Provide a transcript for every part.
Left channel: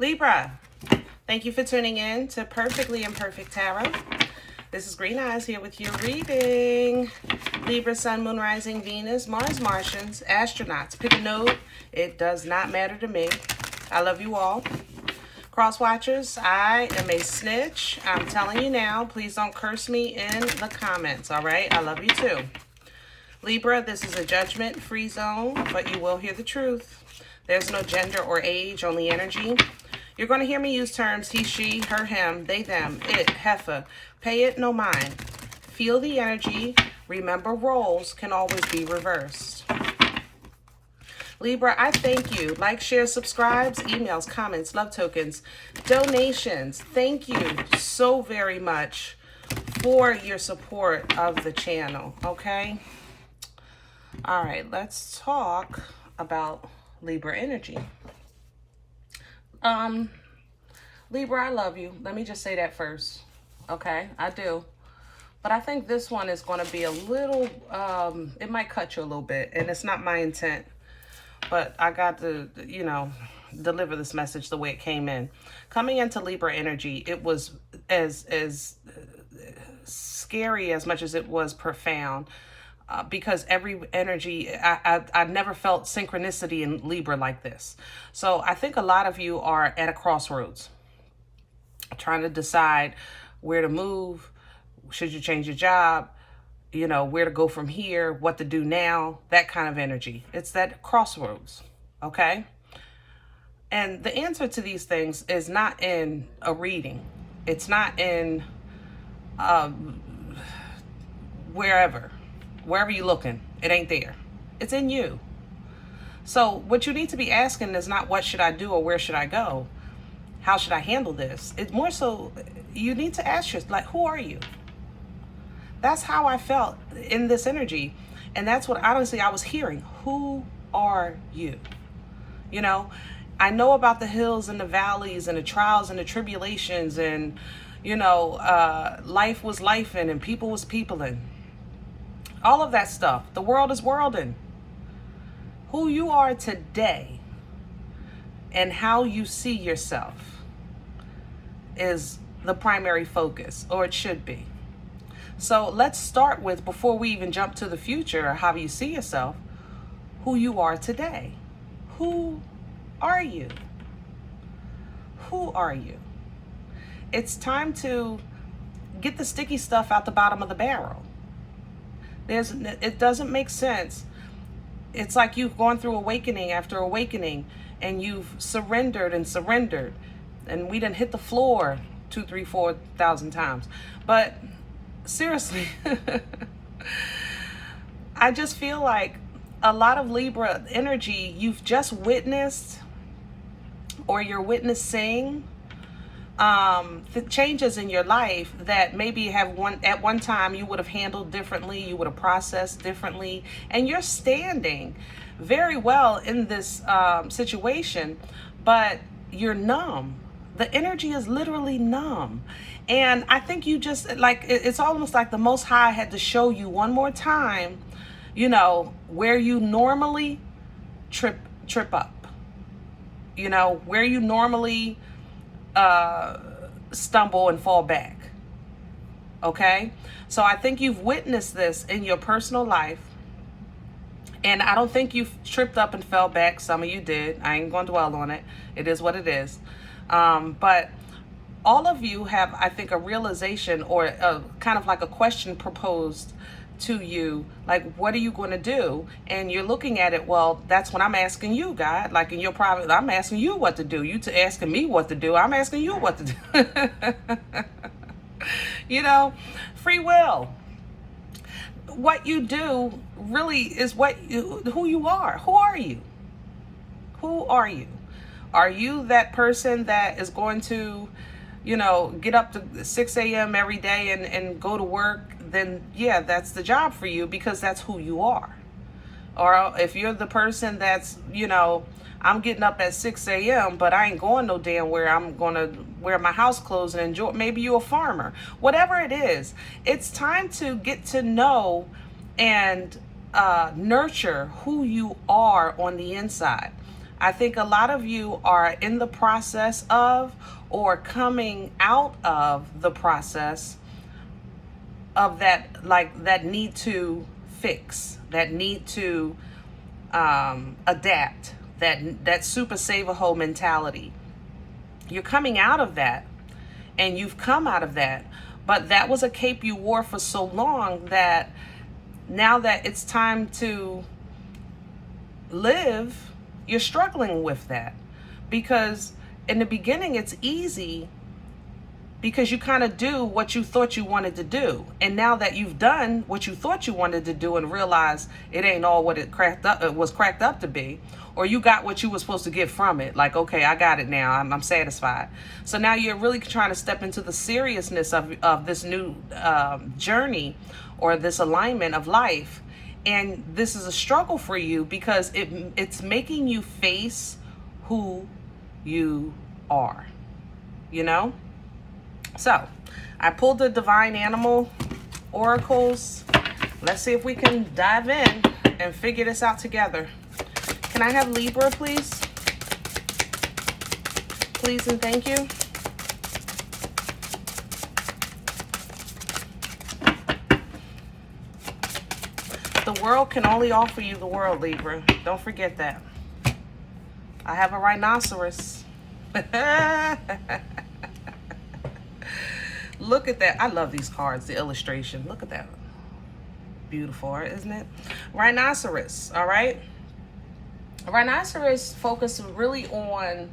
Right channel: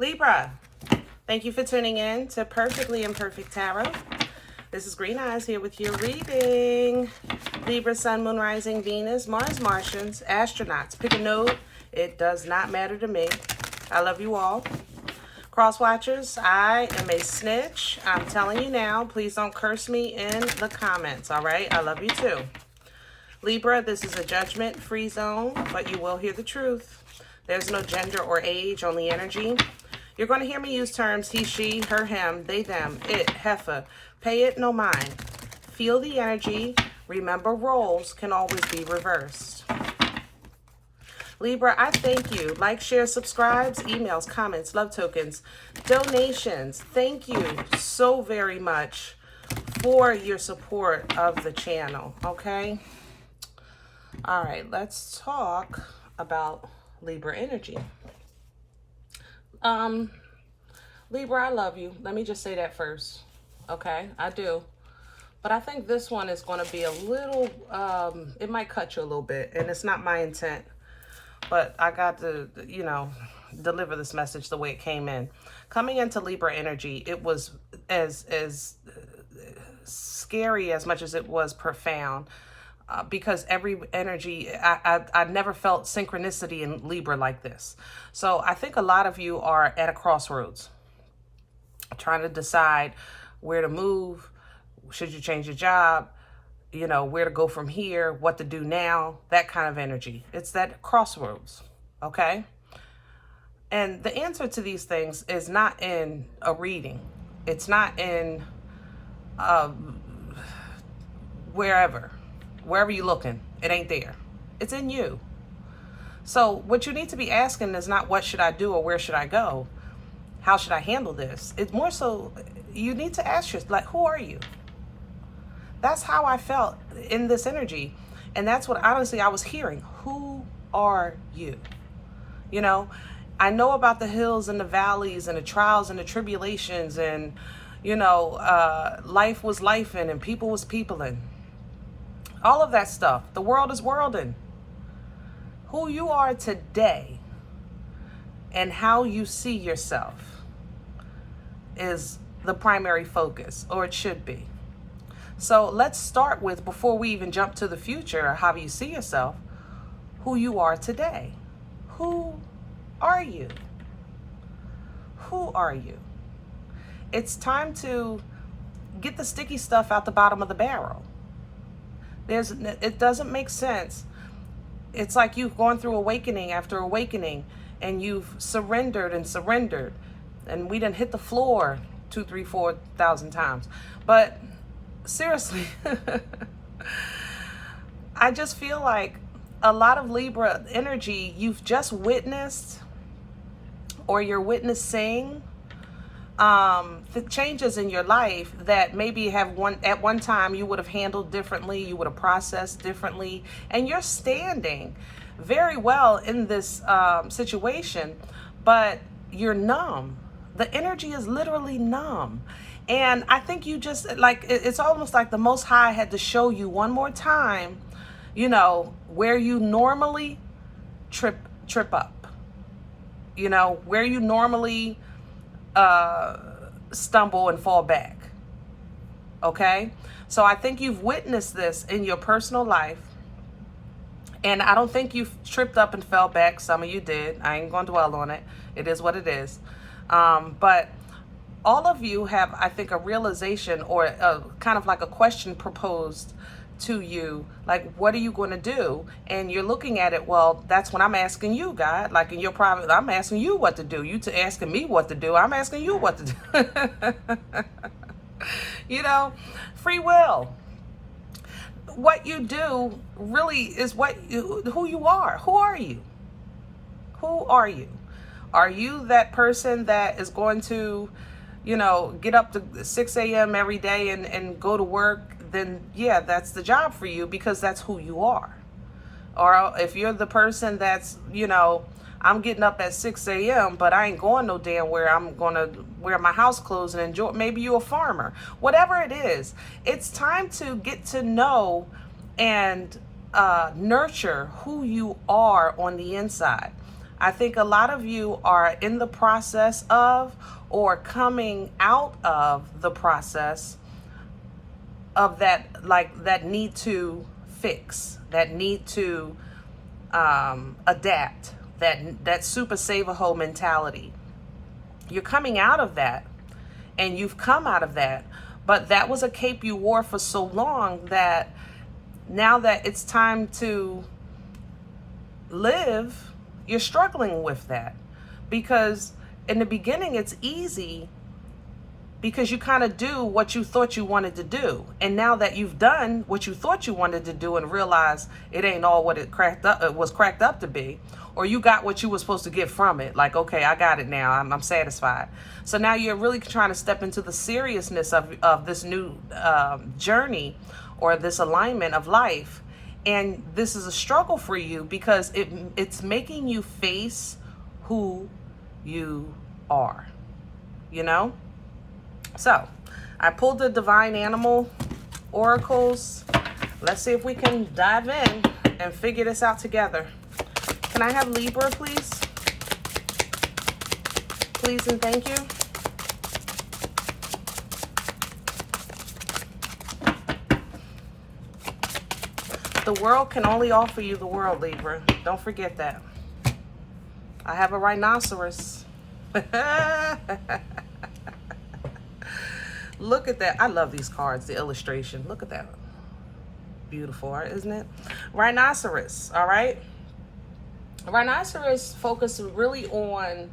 Libra, thank you for tuning in to Perfectly Imperfect Tarot. This is Green Eyes here with your reading. Libra, Sun, Moon, Rising, Venus, Mars, Martians, astronauts. Pick a node. It does not matter to me. I love you all. Cross watchers, I am a snitch. I'm telling you now, please don't curse me in the comments, all right? I love you too. Libra, this is a judgment-free zone, but you will hear the truth. There's no gender or age, only energy. You're going to hear me use terms he, she, her, him, they, them, it, heifer. Pay it no mind. Feel the energy. Remember, roles can always be reversed. Libra, I thank you. Like, share, subscribes, emails, comments, love tokens, donations. Thank you so very much for your support of the channel, okay? All right, let's talk about Libra energy. Libra, I love you. Let me just say that first. Okay, I do. But I think this one is going to be a little, it might cut you a little bit, and it's not my intent. But I got to, you know, deliver this message the way it came in. Coming into Libra energy, it was as scary as much as it was profound. Because every energy, I never felt synchronicity in Libra like this. So I think a lot of you are at a crossroads, trying to decide where to move, should you change your job, you know, where to go from here, what to do now, that kind of energy. It's that crossroads, okay? And the answer to these things is not in a reading. It's not in wherever you're looking. It ain't there. It's in you. So what you need to be asking is not what should I do or where should I go? How should I handle this? It's more so you need to ask yourself, like, who are you? That's how I felt in this energy. And that's what honestly I was hearing. Who are you? You know, I know about the hills and the valleys and the trials and the tribulations and, you know, life was lifing and people was peopling. All of that stuff. The world is worlding. Who you are today and how you see yourself is the primary focus, or it should be. So let's start with, before we even jump to the future, how you see yourself, who you are today. Who are you? Who are you? It's time to get the sticky stuff out the bottom of the barrel. It doesn't make sense. It's like you've gone through awakening after awakening and you've surrendered and surrendered. And we done hit the floor 2,000, 3,000, 4,000 times. But seriously, I just feel like a lot of Libra energy you've just witnessed or you're witnessing the changes in your life that maybe at one time you would have handled differently, you would have processed differently, and you're standing very well in this situation, but you're numb. The energy is literally numb. And I think you just, like, it's almost like the Most High had to show you one more time, you know, where you normally trip up, you know, where you normally stumble and fall back. Okay? So I think you've witnessed this in your personal life. And I don't think you've tripped up and fell back. Some of you did. I ain't going to dwell on it. It is what it is. But all of you have, I think, a realization or kind of like a question proposed to you, like, what are you going to do? And you're looking at it, well, that's what I'm asking you, God. Like in your private, I'm asking you what to do. You asking me what to do. I'm asking you what to do. You know, free will. What you do really is who you are. Who are you? Who are you? Are you that person that is going to, you know, get up to 6 a.m. every day and go to work? Then yeah, that's the job for you because that's who you are. Or if you're the person that's, you know, I'm getting up at 6 a.m., but I ain't going no damn where. I'm going to wear my house clothes and enjoy. Maybe you're a farmer. Whatever it is, it's time to get to know and nurture who you are on the inside. I think a lot of you are in the process of or coming out of the process of that, like that need to fix, that need to adapt, that super save-a-hole mentality. You're coming out of that, and you've come out of that, but that was a cape you wore for so long that now that it's time to live, you're struggling with that. Because in the beginning it's easy because you kind of do what you thought you wanted to do, and now that you've done what you thought you wanted to do and realize it ain't all what it was cracked up to be, or you got what you were supposed to get from it, like, okay, I got it now, I'm satisfied. So now you're really trying to step into the seriousness of this new journey or this alignment of life, and this is a struggle for you because it's making you face who you are, you know? So I pulled the Divine Animal Oracles. Let's see if we can dive in and figure this out together. Can I have Libra, please? Please and thank you. The world can only offer you the world, Libra. Don't forget that. I have a rhinoceros. Look at that. I love these cards, the illustration. Look at that. Beautiful, isn't it? Rhinoceros, all right? Rhinoceros focuses really on,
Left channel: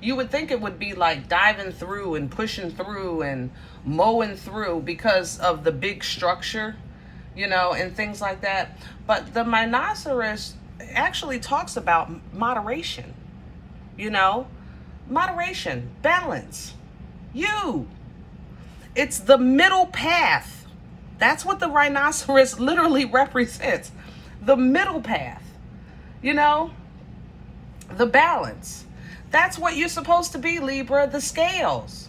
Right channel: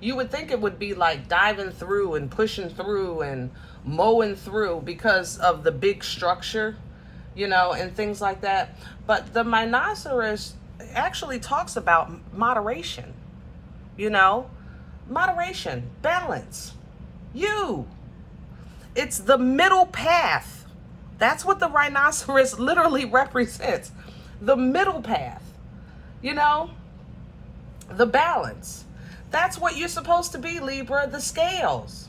you would think it would be like diving through and pushing through and mowing through because of the big structure, you know, and things like that. But the rhinoceros actually talks about moderation, you know, moderation, balance, It's the middle path. That's what the rhinoceros literally represents. The middle path, you know, the balance. That's what you're supposed to be, Libra, the scales,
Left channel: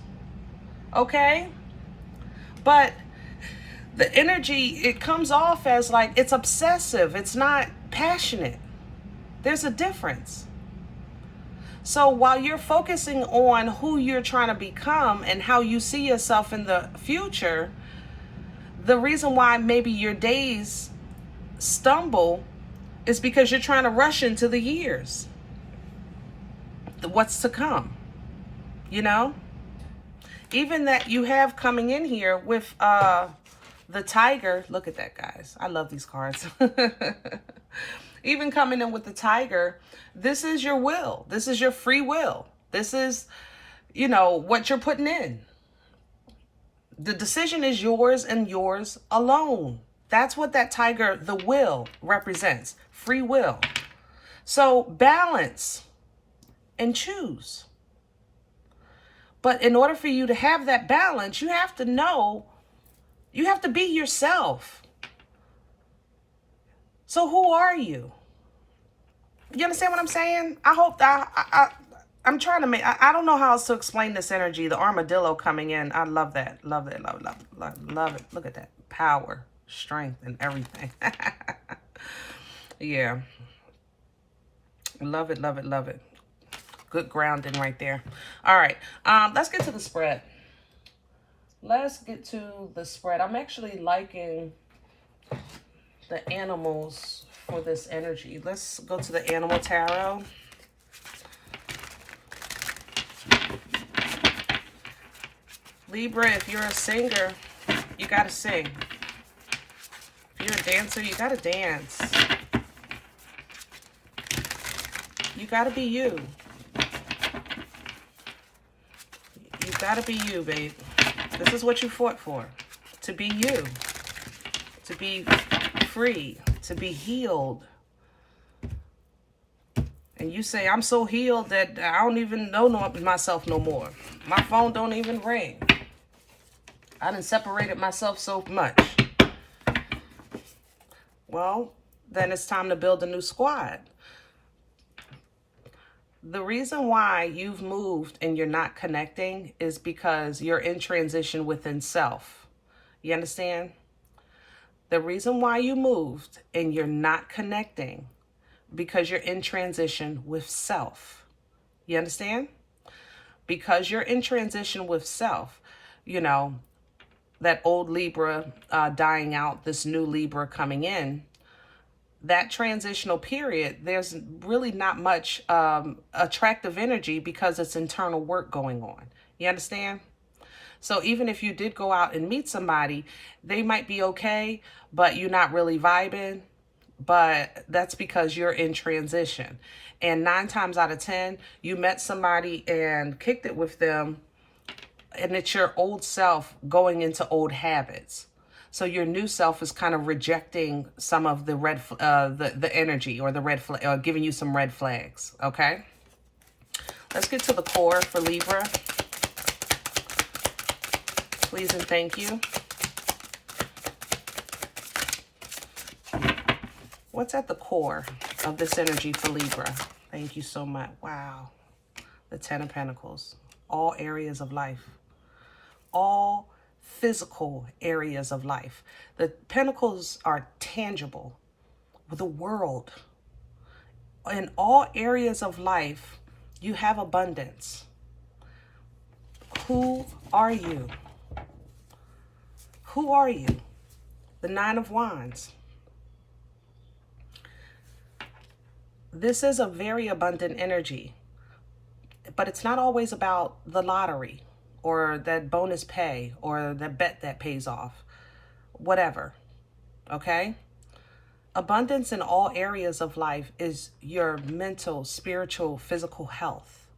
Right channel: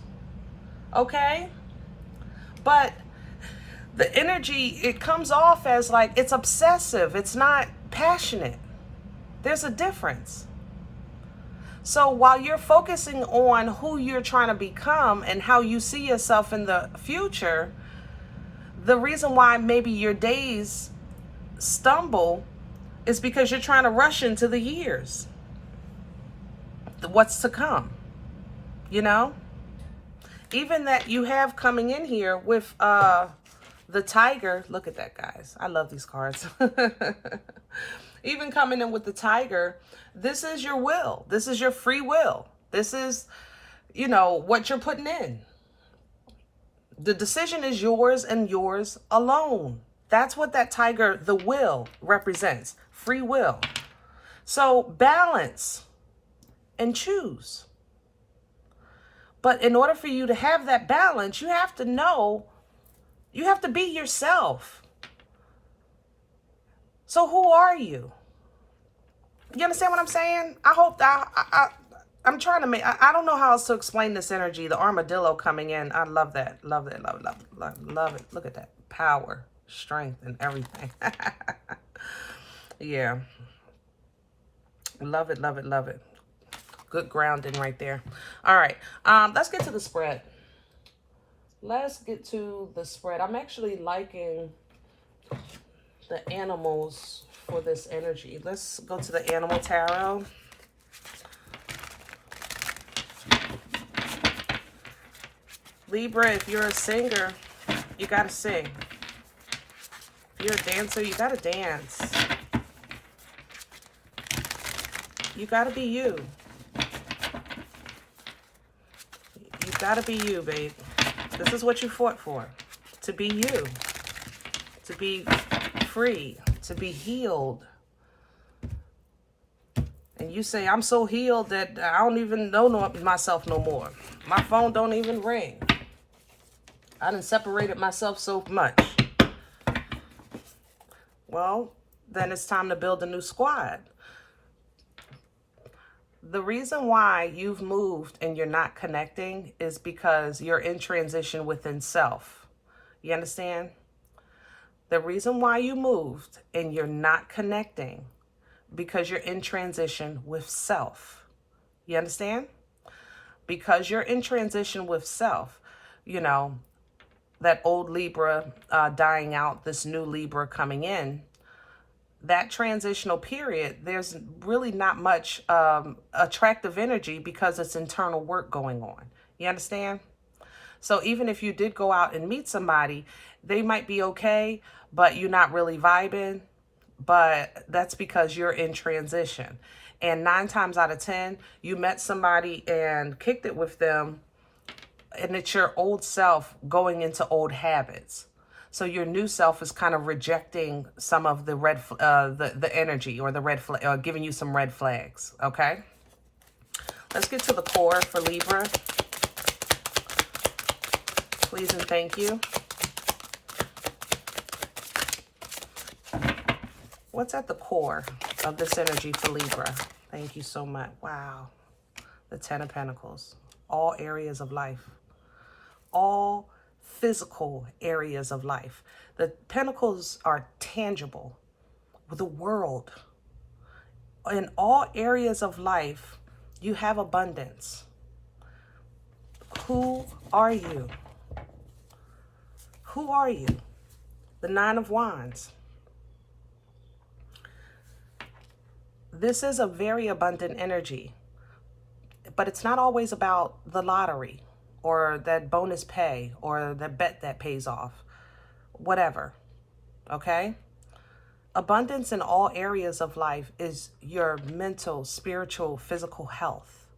okay? But the energy, it comes off as like it's obsessive. It's not passionate. There's a difference. So while you're focusing on who you're trying to become and how you see yourself in the future, the reason why maybe your days stumble is because you're trying to rush into the years, what's to come, you know? Even that you have coming in here with the tiger. Look at that, guys. I love these cards. Even coming in with the tiger, this is your will. This is your free will. This is, you know, what you're putting in. The decision is yours and yours alone. That's what that tiger, the will, represents. Free will. So balance and choose. But in order for you to have that balance, you have to know, you have to be yourself. So who are you? You understand what I'm saying? I hope that I'm trying to make, I don't know how else to explain this energy. The armadillo coming in. I love that. Love it. Love it. Love it. Love it. Look at that. Power, strength, and everything. Yeah. Love it. Love it. Love it. Good grounding right there. All right. Let's get to the spread. Let's get to the spread. I'm actually liking the animals for this energy. Let's go to the animal tarot. Libra, if you're a singer, you gotta sing. If you're a dancer, you gotta dance. You gotta be you. You gotta be you, babe. This is what you fought for. To be you. To be free. To be healed. And you say, I'm so healed that I don't even know myself no more. My phone don't even ring. I done separated myself so much. Well, then it's time to build a new squad. The reason why you've moved and you're not connecting is because you're in transition within self. You understand? The reason why you moved and you're not connecting because you're in transition with self. You understand? Because you're in transition with self, you know, that old Libra dying out, this new Libra coming in, that transitional period, there's really not much attractive energy because it's internal work going on. You understand? So even if you did go out and meet somebody, they might be okay, but you're not really vibing. But that's because you're in transition. And 9 times out of 10, you met somebody and kicked it with them, and it's your old self going into old habits. So your new self is kind of rejecting some of the the energy or the red flag, or giving you some red flags. Okay. Let's get to the core for Libra. Please and thank you. What's at the core of this energy for Libra? Thank you so much. Wow. The 10 of Pentacles. All areas of life. All physical areas of life. The Pentacles are tangible. The world. In all areas of life, you have abundance. Who are you? Who are you? The 9 of Wands. This is a very abundant energy, but it's not always about the lottery or that bonus pay or the bet that pays off, whatever, okay? Abundance in all areas of life is your mental, spiritual, physical health,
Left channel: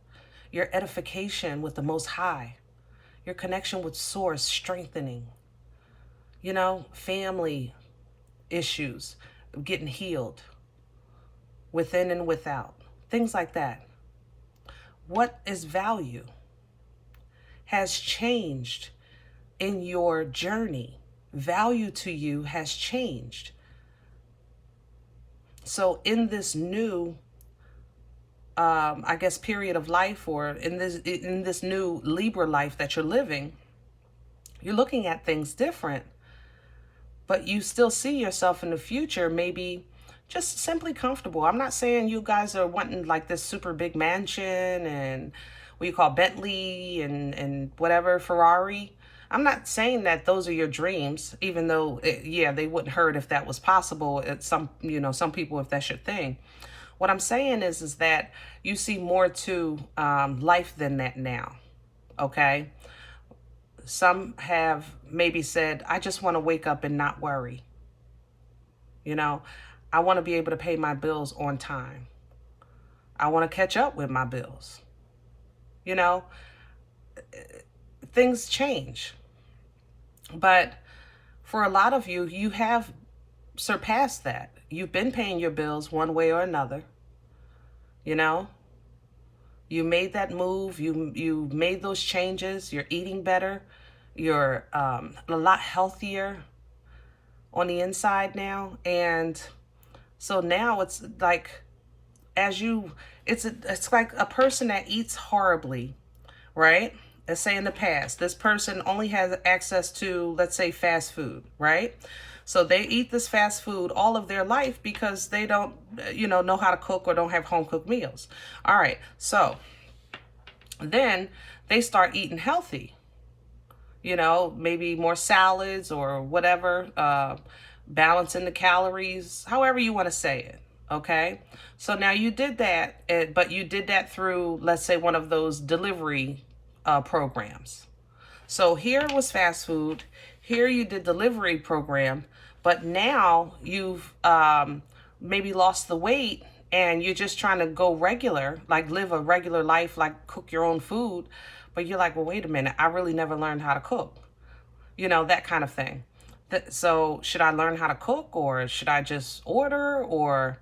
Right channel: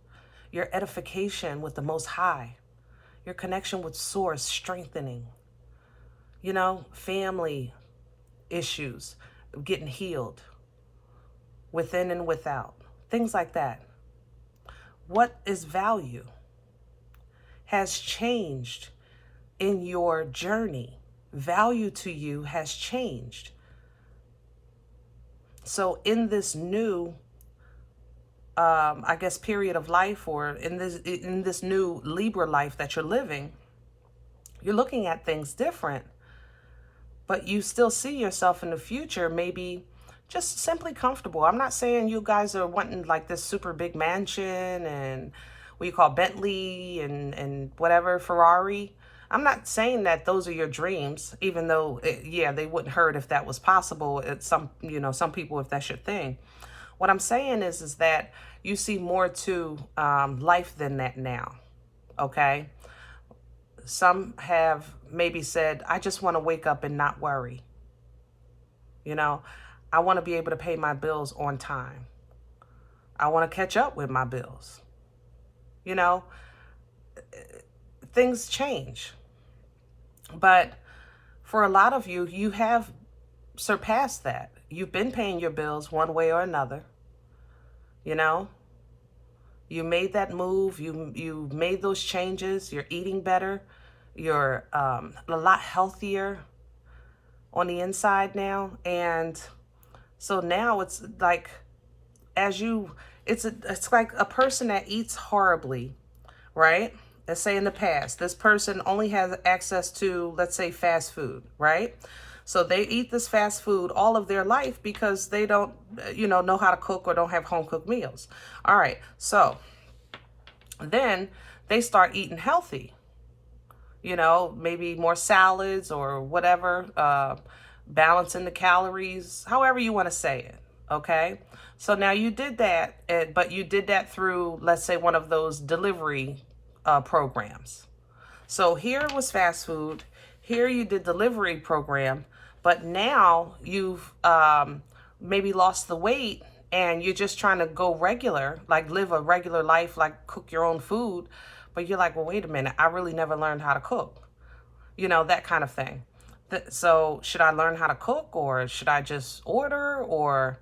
your edification with the Most High, your connection with Source strengthening, you know, family issues getting healed, within and without, things like that. What is value has changed in your journey. Value to you has changed. So in this new, I guess, period of life, or in this new Libra life that you're living, you're looking at things different, but you still see yourself in the future, maybe just simply comfortable. I'm not saying you guys are wanting like this super big mansion and what you call Bentley and whatever, Ferrari. I'm not saying that those are your dreams, even though, yeah, they wouldn't hurt if that was possible. It's some people, if that's your thing. What I'm saying is that you see more to life than that now, okay? Some have maybe said, I just want to wake up and not worry. You know, I want to be able to pay my bills on time. I want to catch up with my bills. You know, things change. But for a lot of you, you have surpassed that. You've been paying your bills one way or another. You know, you made that move. You made those changes. You're eating better. You're a lot healthier on the inside now. And so now it's like, it's like a person that eats horribly, right? Let's say in the past, this person only has access to, let's say, fast food, right? So they eat this fast food all of their life because they don't, know how to cook or don't have home cooked meals. All right. So then they start eating healthy, maybe more salads or whatever, balancing the calories, however you want to say it. Okay. So now you did that, but you did that through, let's say, one of those delivery programs. So here was fast food. Here you did delivery program, but now you've maybe lost the weight and you're just trying to go regular, like live a regular life, like cook your own food. But you're like, well, wait a minute, I really never learned how to cook, that kind of thing. So should I learn how to cook, or should I just order, or,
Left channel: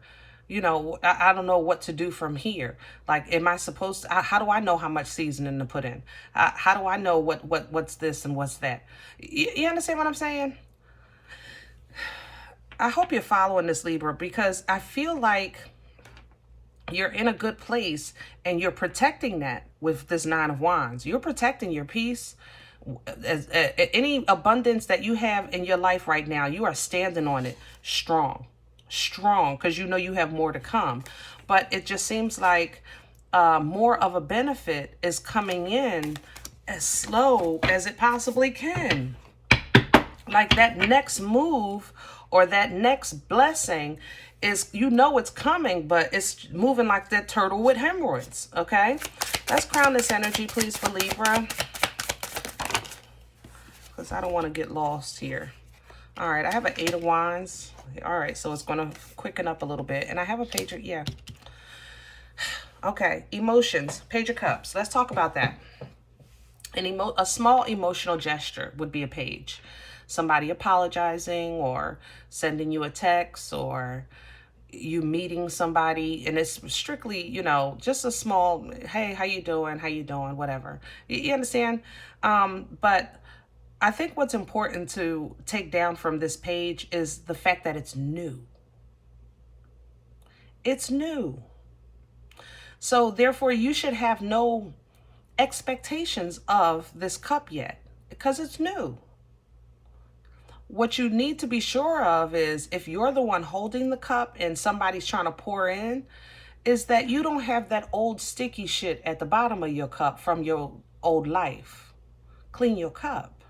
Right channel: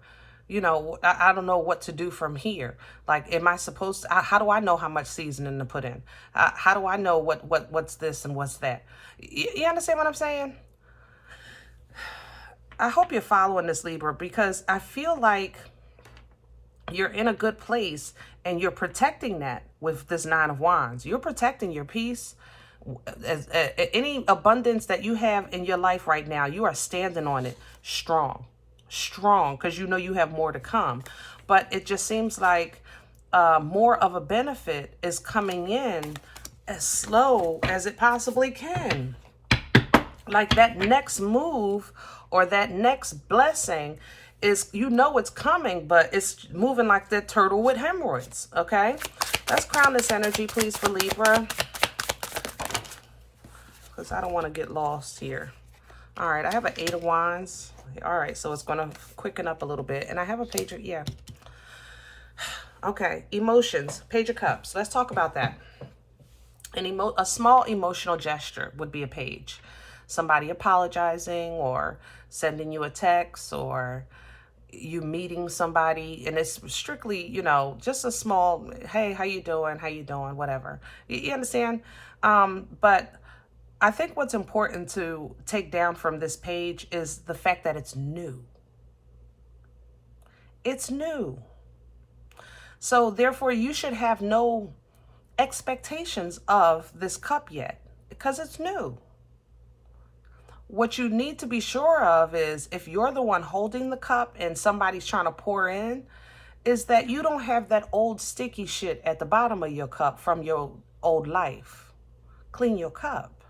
I don't know what to do from here. Like, am I supposed to, how do I know how much seasoning to put in? How do I know what's this and what's that? You understand what I'm saying? I hope you're following this, Libra, because I feel like you're in a good place and you're protecting that with this Nine of Wands. You're protecting your peace. Any abundance that you have in your life right now, you are standing on it strong. strong because you know you have more to come. But it just seems like more of a benefit is coming in as slow as it possibly can. Like that next move or that next blessing is, you know it's coming, but it's moving like that turtle with hemorrhoids, okay? Let's crown this energy, please, for Libra, because I don't want to get lost here. All right, I have an 8 of Wands. All right, so it's going to quicken up a little bit. And I have a Page of, yeah. Okay, emotions, Page of Cups. Let's talk about that. A small emotional gesture would be a page. Somebody apologizing or sending you a text or you meeting somebody, and it's strictly, you know, just a small, hey, how you doing, whatever. You understand? But I think what's important to take down from this page is the fact that it's new. It's new. So therefore you should have no expectations of this cup yet because it's new. What you need to be sure of is, if you're the one holding the cup and somebody's trying to pour in, is that you don't have that old sticky shit at the bottom of your cup from your old life. Clean your cup.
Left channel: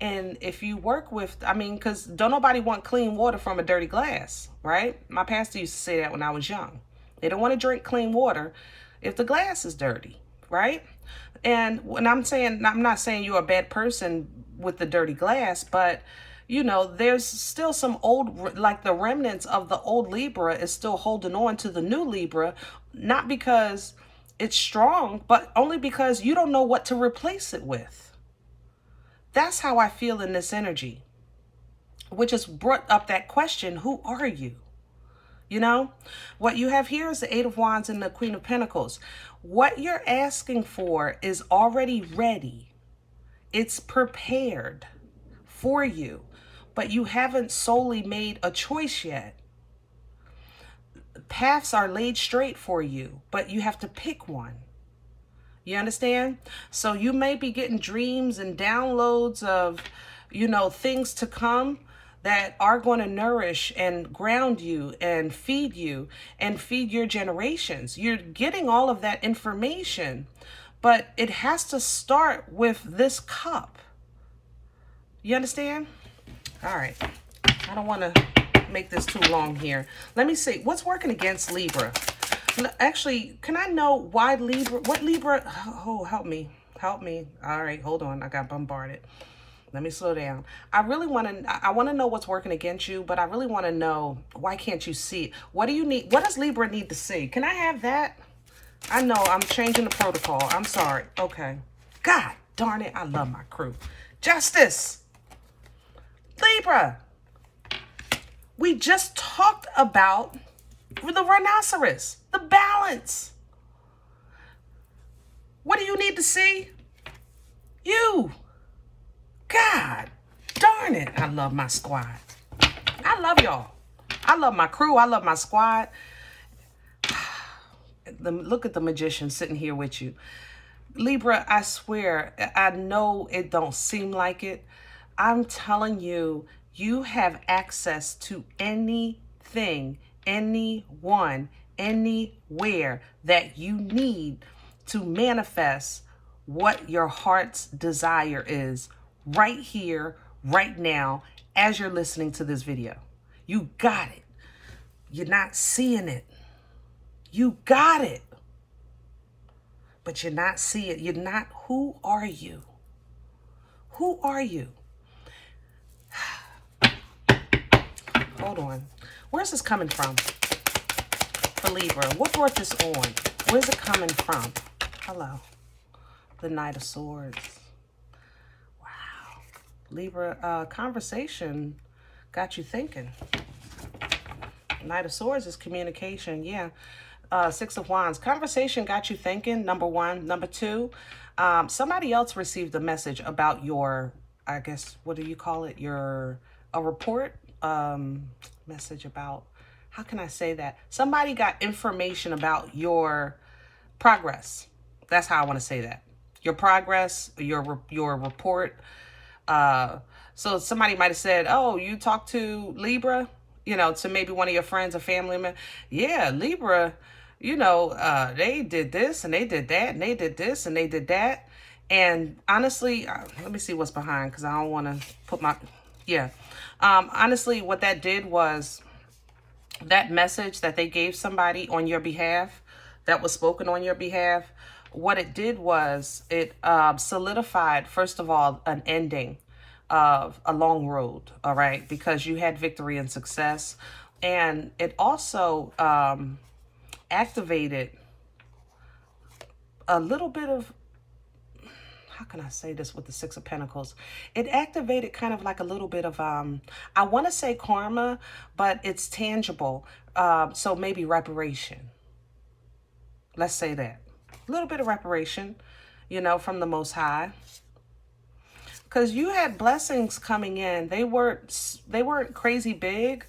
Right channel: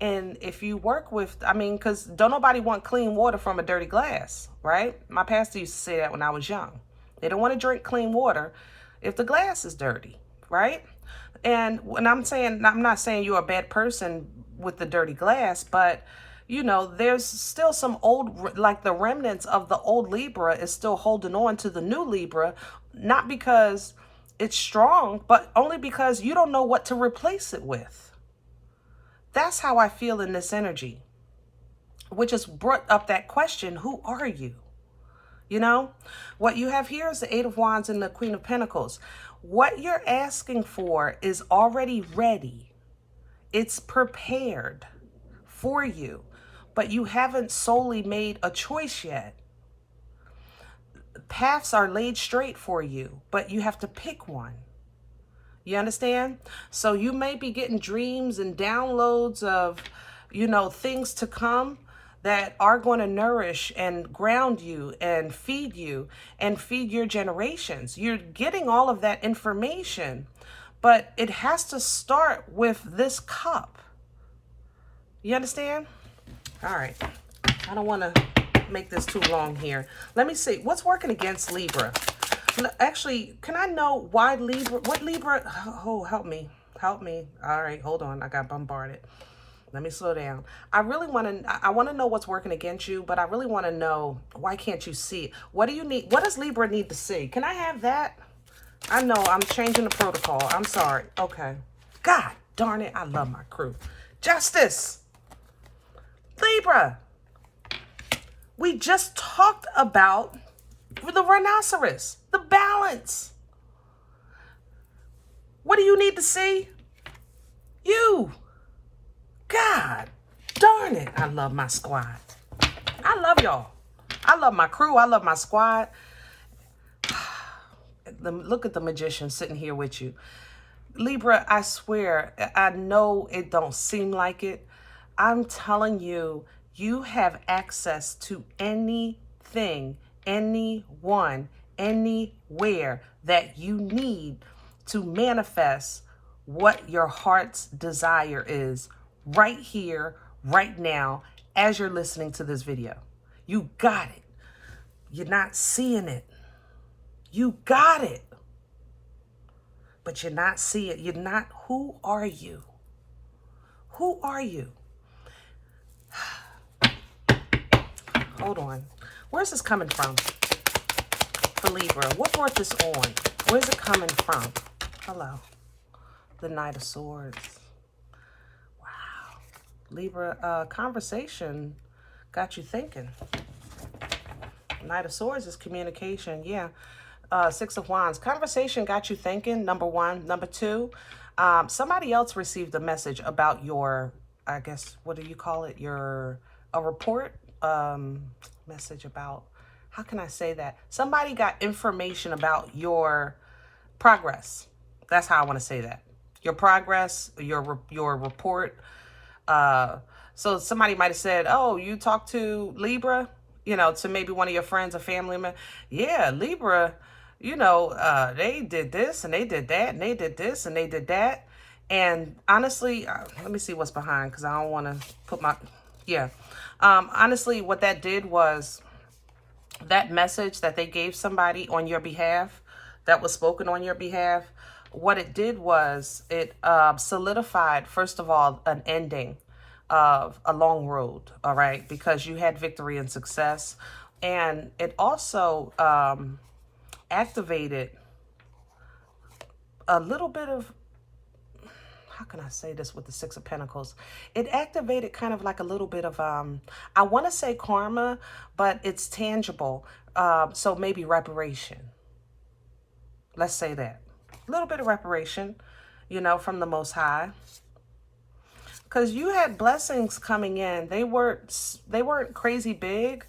And if you work with, I mean, because don't nobody want clean water from a dirty glass, right? My pastor used to say that when I was young. They don't want to drink clean water if the glass is dirty, right? And when I'm not saying you're a bad person with the dirty glass, but you know, there's still some old, like the remnants of the old Libra is still holding on to the new Libra, not because it's strong, but only because you don't know what to replace it with. That's how I feel in this energy, which has brought up that question, who are you? You know, what you have here is the 8 of Wands and the Queen of Pentacles. What you're asking for is already ready. It's prepared for you, but you haven't solely made a choice yet. Paths are laid straight for you, but you have to pick one. You understand? So you may be getting dreams and downloads of, you know, things to come that are going to nourish and ground you and feed your generations. You're getting all of that information, but it has to start with this cup. You understand? All right. I don't want to make this too long here. Let me see. What's working against Libra? Actually, can I know why Libra? What Libra? Oh, help me. Help me. All right. Hold on. I got bombarded. Let me slow down. I want to know what's working against you, but I really want to know, why can't you see it? What do you need? What does Libra need to see? Can I have that? I know I'm changing the protocol. I'm sorry. Okay. God darn it. I love my crew. Justice. Libra. We just talked about the rhinoceros, the balance. What do you need to see? You. God darn it. I love my squad. I love y'all. I love my crew. I love my squad. Look at the magician sitting here with you. Libra, I swear, I know it don't seem like it. I'm telling you, you have access to anything, anyone, anywhere that you need to manifest what your heart's desire is right here, right now, as you're listening to this video. You got it. You're not seeing it. You got it. But you're not seeing it. You're not. Who are you? Who are you? Hold on. Where's this coming from? For Libra. What brought this on? Where's it coming from? Hello. The Knight of Swords. Wow. Libra, conversation got you thinking. Knight of Swords is communication. Yeah. 6 of Wands. Conversation got you thinking, number one. Number two, somebody else received a message about your, I guess, what do you call it? A report? Message about, how can I say that? Somebody got information about your progress. That's how I want to say that. Your progress, your report. So somebody might have said, oh, you talked to Libra? you know, to maybe one of your friends or family members. Yeah, Libra, you know, they did this and they did that and they did this and they did that. And honestly, let me see what's behind, because I don't want to put my, honestly, what that did was that message that they gave somebody on your behalf, that was spoken on your behalf, what it did was it solidified, first of all, an ending of a long road, all right, because you had victory and success. And it also activated a little bit of, how can I say this with the Six of Pentacles? It activated kind of like a little bit of, I want to say karma, but it's tangible. So maybe reparation. Let's say that. A little bit of reparation, you know, from the Most High. Because you had blessings coming in. They weren't crazy big,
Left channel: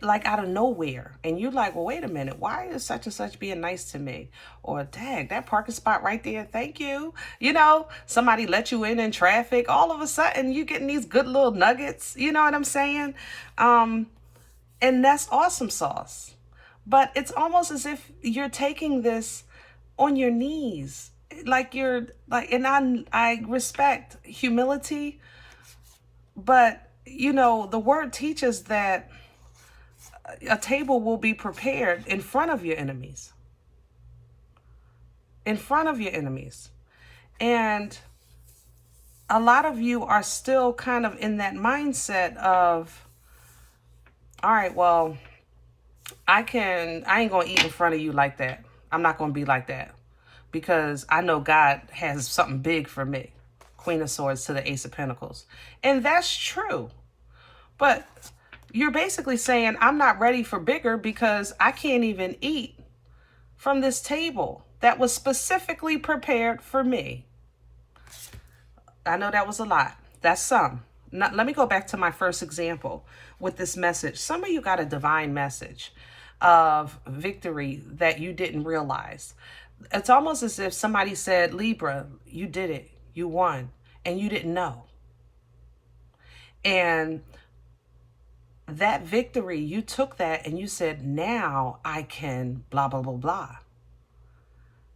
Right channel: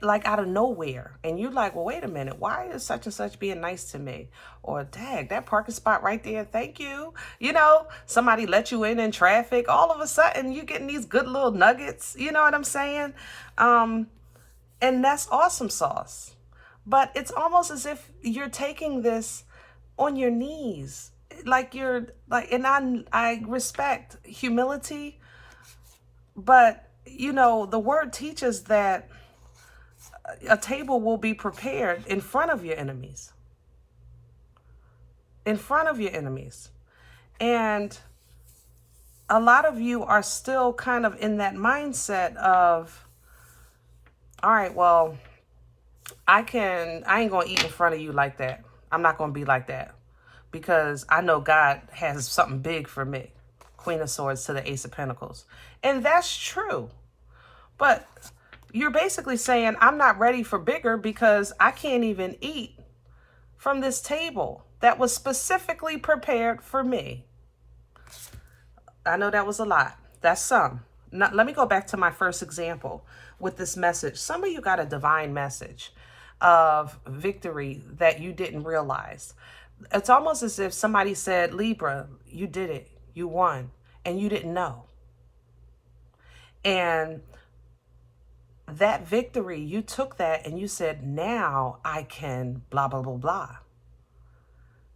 like out of nowhere. And you're like, well, wait a minute, why is such and such being nice to me? Or, dang, that parking spot right there, thank you. You know, somebody let you in traffic. All of a sudden, you're getting these good little nuggets. You know what I'm saying? And that's awesome sauce. But it's almost as if you're taking this on your knees. Like you're, like, and I respect humility. But, you know, the word teaches that a table will be prepared in front of your enemies. In front of your enemies. And a lot of you are still kind of in that mindset of, all right, well, I ain't going to eat in front of you like that. I'm not going to be like that, because I know God has something big for me. Queen of Swords to the Ace of Pentacles. And that's true. But you're basically saying, I'm not ready for bigger because I can't even eat from this table that was specifically prepared for me. I know that was a lot. That's some. Now, let me go back to my first example with this message. Some of you got a divine message of victory that you didn't realize. It's almost as if somebody said, Libra, you did it. You won. And you didn't know. And that victory, you took that and you said, now I can blah, blah, blah, blah.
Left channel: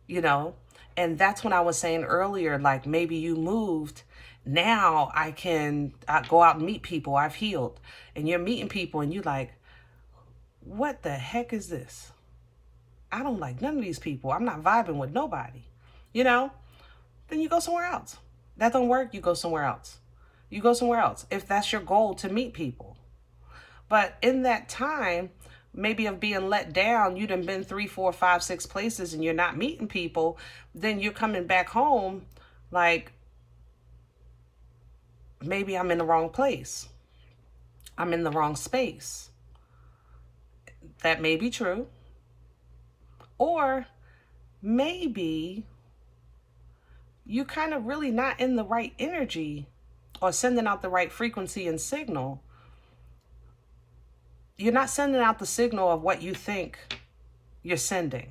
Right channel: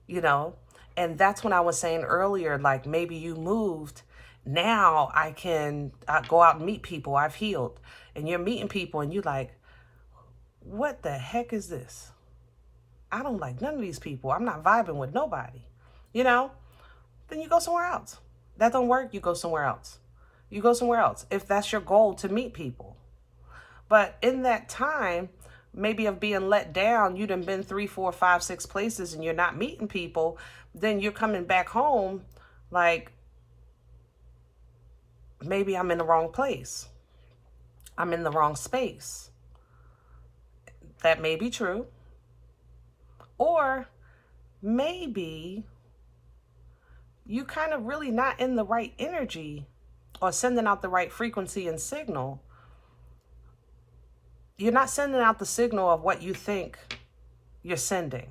You know, and that's when I was saying earlier, like maybe you moved. Now I can go out and meet people. I've healed. And you're meeting people and you're like, what the heck is this? I don't like none of these people. I'm not vibing with nobody. You know, then you go somewhere else. That don't work. You go somewhere else. You go somewhere else. If that's your goal, to meet people. But in that time, maybe of being let down, you done been 3, 4, 5, 6 places and you're not meeting people, then you're coming back home like, maybe I'm in the wrong place. I'm in the wrong space. That may be true. Or maybe you kind of really not in the right energy or sending out the right frequency and signal. You're not sending out the signal of what you think you're sending.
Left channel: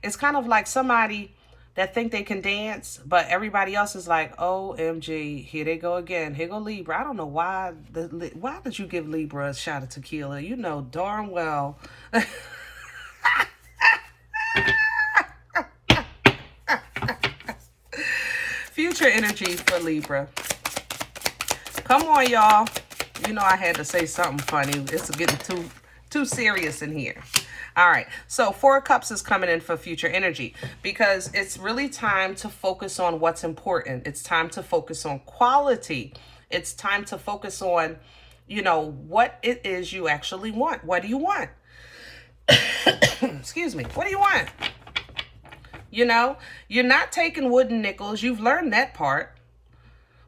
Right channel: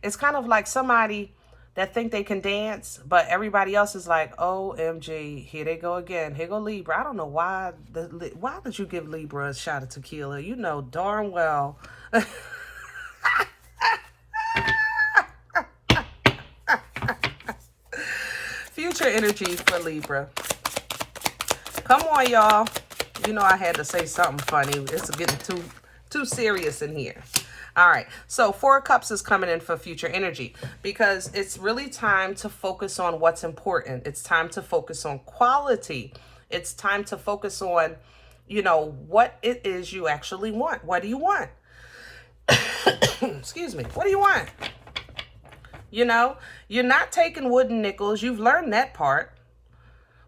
It's kind of like somebody that think they can dance, but everybody else is like, OMG, here they go again. Here go Libra. I don't know why did you give Libra a shot of tequila? You know darn well. Future energy for Libra. Come on, y'all. You know I had to say something funny. It's getting too serious in here. All right. So 4 of Cups is coming in for future energy because it's really time to focus on what's important. It's time to focus on quality. It's time to focus on, you know, what it is you actually want. What do you want? Excuse me. What do you want? You know, you're not taking wooden nickels. You've learned that part.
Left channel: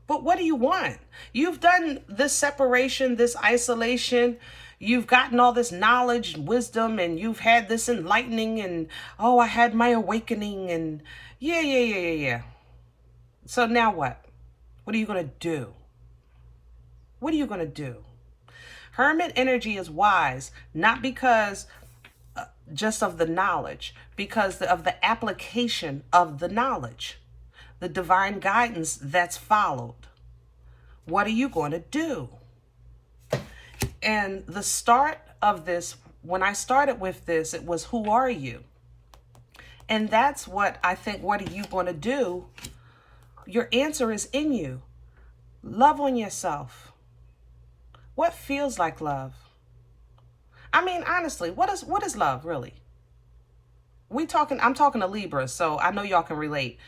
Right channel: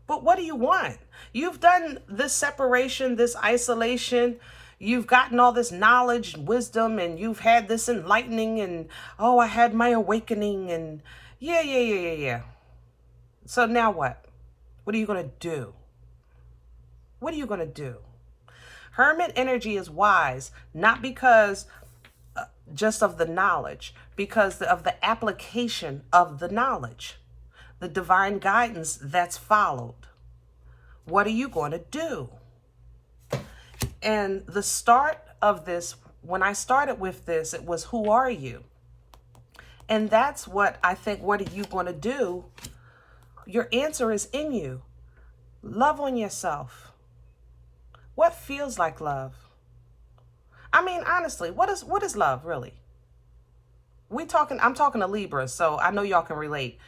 But what do you want? You've done this separation, this isolation. You've gotten all this knowledge and wisdom, and you've had this enlightening, and, oh, I had my awakening, and yeah. So now what? What are you going to do? What are you going to do? Hermit energy is wise, not because just of the knowledge, because of the application of the knowledge, the divine guidance that's followed. What are you going to do? And the start of this, when I started with this, it was, who are you? And that's what I think, what are you going to do? Your answer is in you. Love on yourself. What feels like love? I mean, honestly, what is love really? I'm talking to Libras, so I know y'all can relate.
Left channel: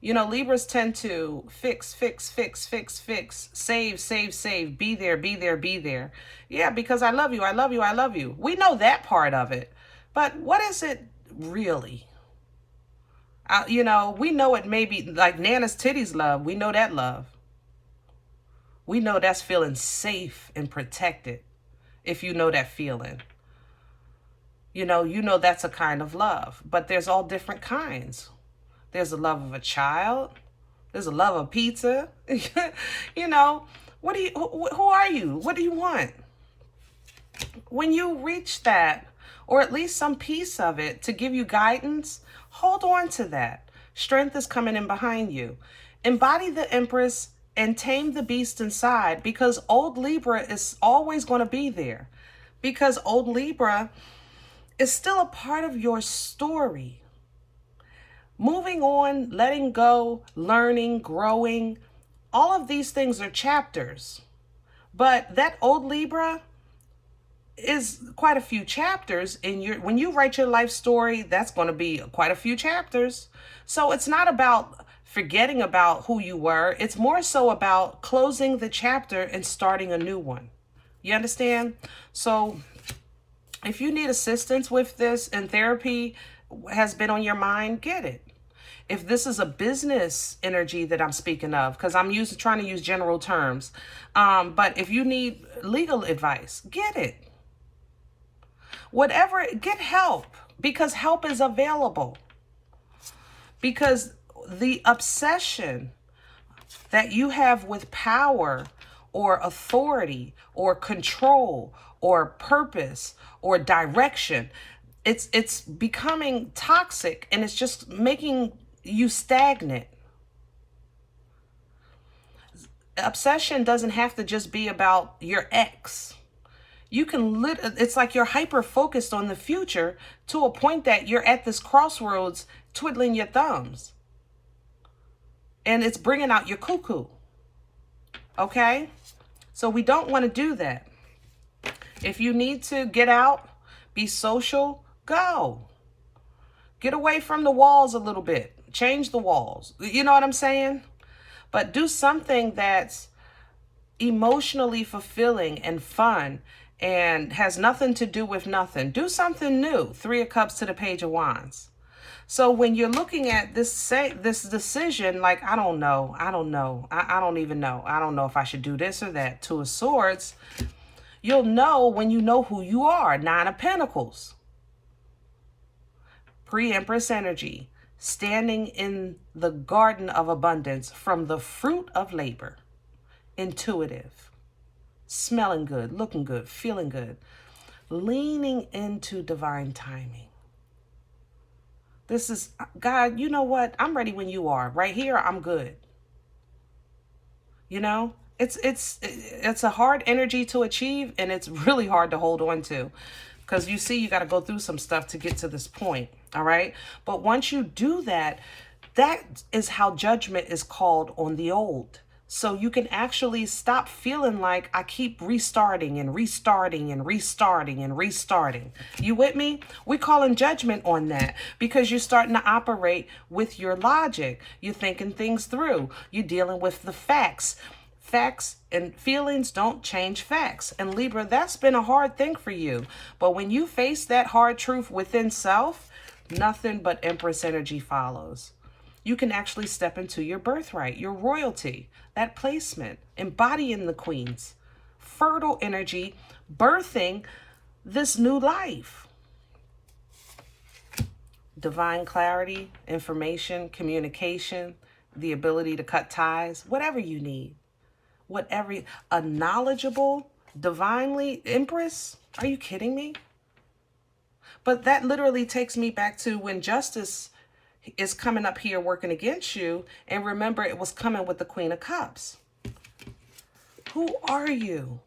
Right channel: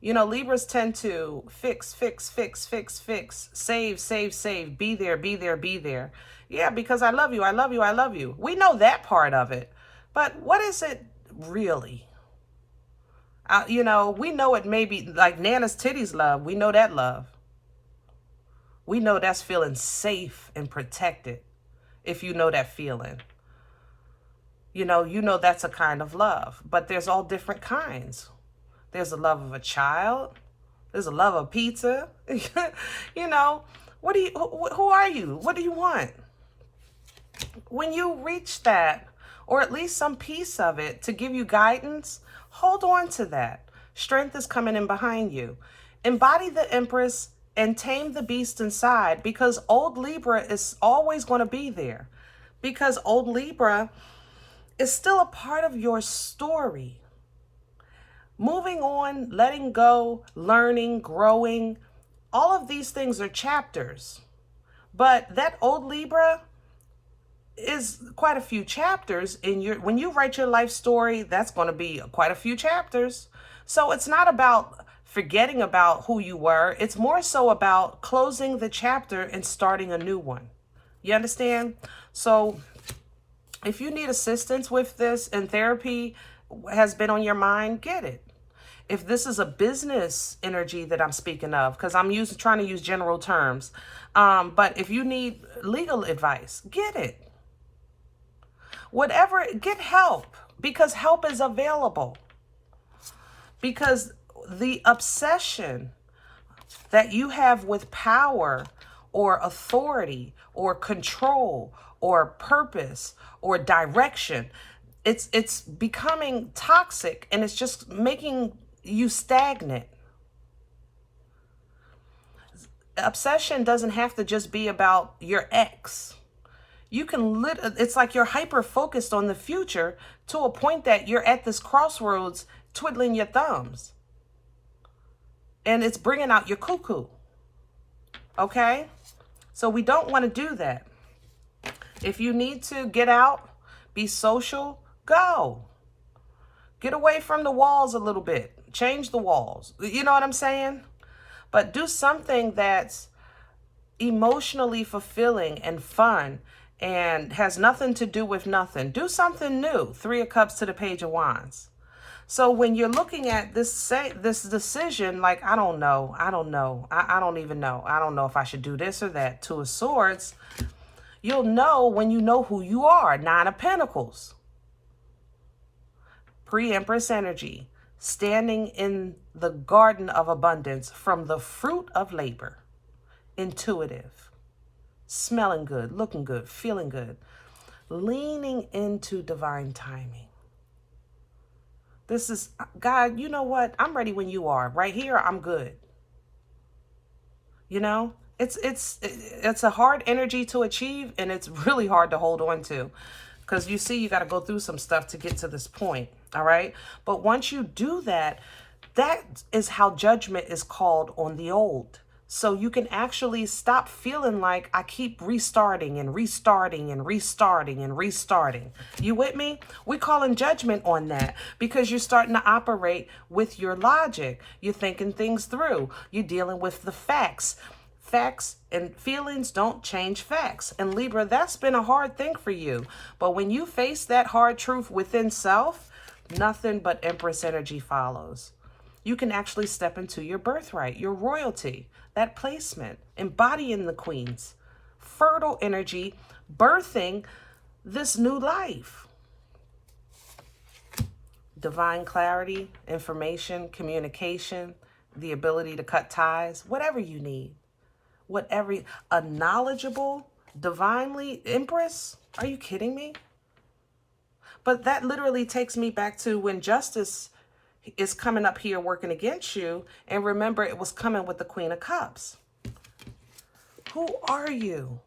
You know, Libras tend to fix, save, be there, be there, be there. Yeah, because I love you, I love you, I love you. We know that part of it. But what is it really? You know, we know it may be like Nana's titties love. We know that love. We know that's feeling safe and protected, if you know that feeling. You know that's a kind of love. But there's all different kinds. There's the love of a child. There's a love of pizza. You know, who are you? What do you want? When you reach that, or at least some piece of it to give you guidance, hold on to that. Strength is coming in behind you. Embody the Empress and tame the beast inside, because old Libra is always going to be there. Because old Libra is still a part of your story. Moving on, letting go, learning, growing, all of these things are chapters. But that old Libra is quite a few chapters in when you write your life story, that's going to be quite a few chapters. So it's not about forgetting about who you were. It's more so about closing the chapter and starting a new one. You understand? So if you need assistance with this and therapy has been on your mind, get it. If this is a business energy that I'm speaking of, because I'm trying to use general terms, but if you need legal advice, get it. Whatever, get help, because help is available. Because the obsession that you have with power or authority or control or purpose or direction, it's becoming toxic, and it's just making you stagnant. Obsession doesn't have to just be about your ex. You can it's like you're hyper focused on the future to a point that you're at this crossroads twiddling your thumbs. And it's bringing out your cuckoo. Okay? So we don't want to do that. If you need to get out, be social, go. Get away from the walls a little bit. Change the walls. You know what I'm saying? But do something that's emotionally fulfilling and fun and has nothing to do with nothing. Do something new. 3 of Cups to the Page of Wands. So when you're looking at this decision, like, I don't know. I don't even know. I don't know if I should do this or that. 2 of Swords. You'll know when you know who you are. 9 of Pentacles. Pre-Empress energy. Standing in the garden of abundance from the fruit of labor. Intuitive. Smelling good, looking good, feeling good. Leaning into divine timing. This is, God, you know what? I'm ready when you are. Right here, I'm good. You know? It's a hard energy to achieve, and it's really hard to hold on to. Because you see, you got to go through some stuff to get to this point. All right? But once you do that, that is how judgment is called on the old. So you can actually stop feeling like I keep restarting and restarting and restarting and restarting. You with me? We're calling judgment on that because you're starting to operate with your logic. You're thinking things through. You're dealing with the facts. Facts and feelings don't change facts. And Libra, that's been a hard thing for you. But when you face that hard truth within self, nothing but Empress energy follows. You can actually step into your birthright, your royalty, that placement, embodying the queens, fertile energy, birthing this new life. Divine clarity, information, communication, the ability to cut ties, whatever you need. A knowledgeable, divinely Empress? Are you kidding me? But that literally takes me back to when justice is coming up here working against you. And remember, it was coming with the Queen of Cups. Who are you?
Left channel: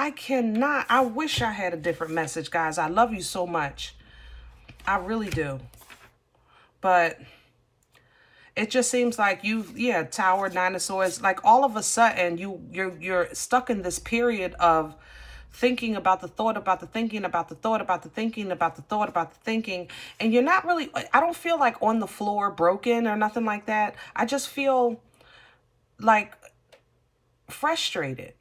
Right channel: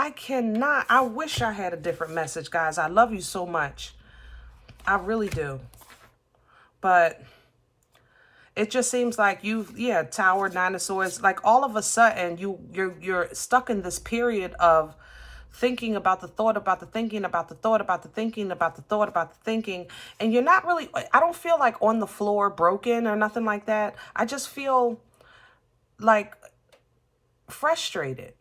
I wish I had a different message, guys. I love you so much. I really do. But it just seems like Tower, Nine of Swords, like all of a sudden you're stuck in this period of thinking about the thought, about the thinking, about the thought, about the thinking, about the thought, about the thinking. And you're not really, I don't feel like on the floor broken or nothing like that. I just feel like frustrated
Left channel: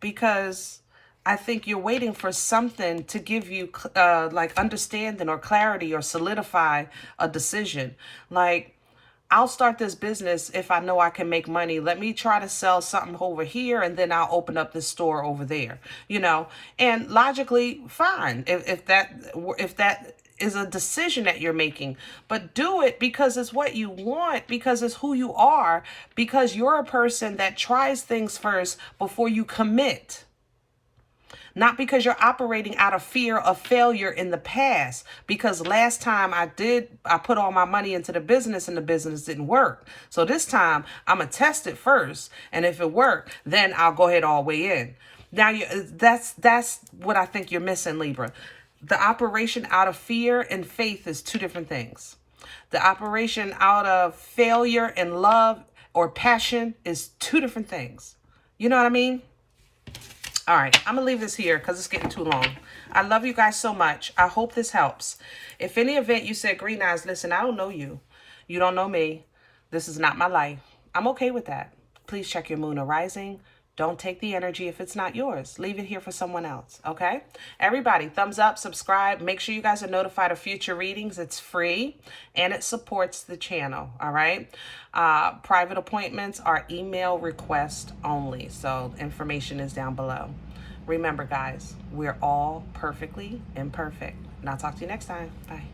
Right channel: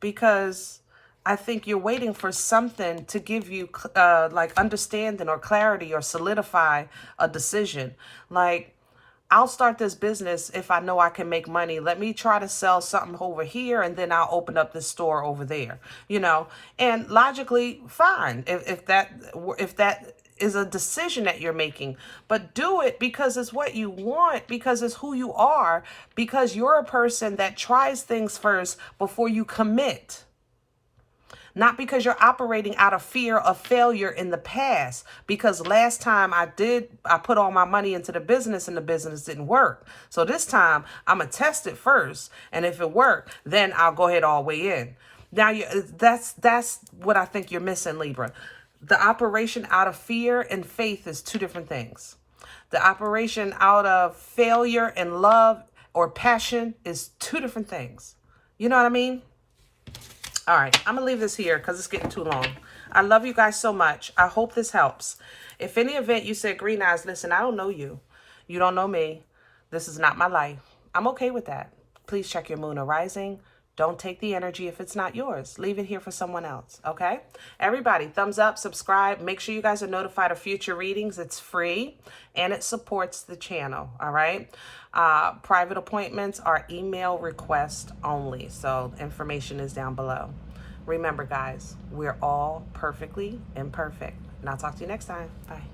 because I think you're waiting for something to give you like understanding or clarity or solidify a decision. Like, I'll start this business if I know I can make money. Let me try to sell something over here and then I'll open up this store over there, you know, and logically fine. If that is a decision that you're making, but do it because it's what you want, because it's who you are, because you're a person that tries things first before you commit. Not because you're operating out of fear of failure in the past. Because last time I put all my money into the business and the business didn't work. So this time I'm going to test it first. And if it worked, then I'll go ahead all the way in. Now, that's what I think you're missing, Libra. The operation out of fear and faith is two different things. The operation out of failure and love or passion is two different things. You know what I mean? All right, I'm going to leave this here because it's getting too long. I love you guys so much. I hope this helps. If any event you said, Green Eyes, listen, I don't know you. You don't know me. This is not my life. I'm okay with that. Please check your moon or rising. Don't take the energy if it's not yours. Leave it here for someone else, okay? Everybody, thumbs up, subscribe. Make sure you guys are notified of future readings. It's free, and it supports the channel, all right? Private appointments are email request only, so information is down below. Remember, guys, we're all perfectly imperfect. And I'll talk to you next time. Bye.